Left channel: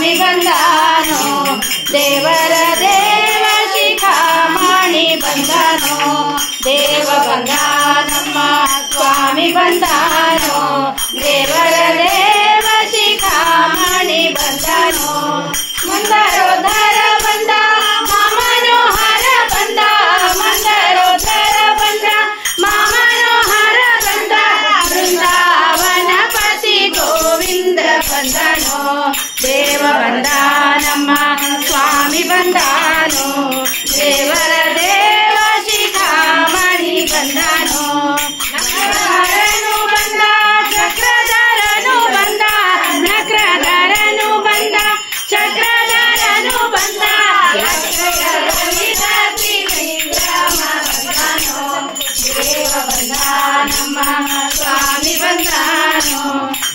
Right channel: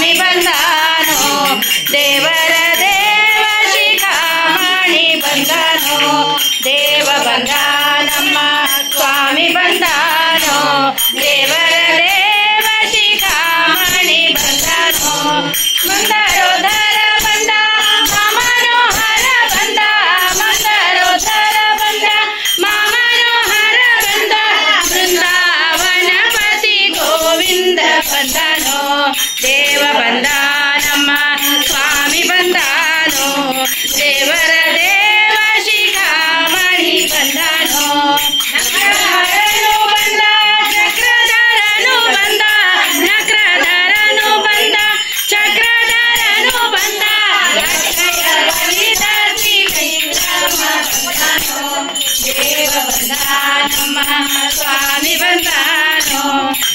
ಸ್ವಾಮಿ ಬಂದಾನೋ ದೇವರ ದೇವ ಶಿಖಾಮಣಿ ಬಂದಾನೋ ದೇವ ಬಂದಾನಮ್ಮ ಸ್ವಾಮಿ ಬಂದಾನೋ ದೇವರ ದೇವ ಶಿಖಾಮಣಿ ಬಂದಾನೋ ಮಂದರೋಧರ ಬಂದ ಮಾಮನೋಹರ ಬಂದ ಮಂದರೋಧರ ಬಂದ ಮಾಮನೋಹರ ಬಂದ ಬೃಂದಾವನ ಪತಿ ಗೋವಿಂದ ಬಂದನೋ ದೇವ ಬಂದಾನಮ್ಮ ಸ್ವಾಮಿ ಬಂದಾನೋ ದೇವರ ದೇವ ಶಿಖಾಮಣಿ ಬಂದಾನೋ ನಕ್ರಧರನು ಬಂದ ಚಕ್ರಧರನು ಬಂದ ನಕ್ರಧರನು ಬಂದ ಚಕ್ರಧರನು ಬಂದ ಅಕ್ಷಯ ಬಲಿದ ತ್ರಿವಿಕ್ರಮ ಬಂದನೋ ದೇವ ಬಂದಾನಮ್ಮ ಸ್ವಾಮಿ ಬಂದಾನೋ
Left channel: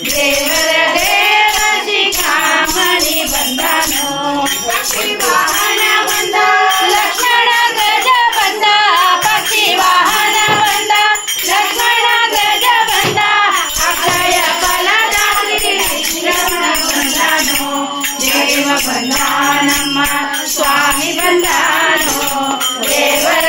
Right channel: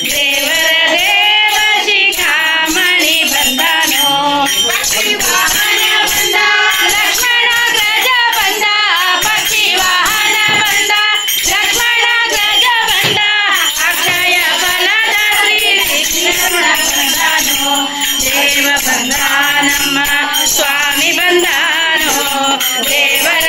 ದೇವರ ದೇವ ಶಿಖಾಮಣಿ ಬಂದಾನೋ ಪಕ್ಷಿ ವಾಹನ ಬಂದ ಲಕ್ಷ್ಮಣ ಗಜ ಬಂದ ಪಕ್ಷಿ ವಾಹನ ಬಂದ ಲಕ್ಷ್ಮಣ ಗಜ ಬಂದ ಅಕ್ಷಯ ಫಲದ ಶ್ರೀಕೃಷ್ಣ ಬಂದಾನೋ ದೇವ ಬಂದಾನಮ್ಮ ಸ್ವಾಮಿ ಬಂದಾನೋ ದೇವರ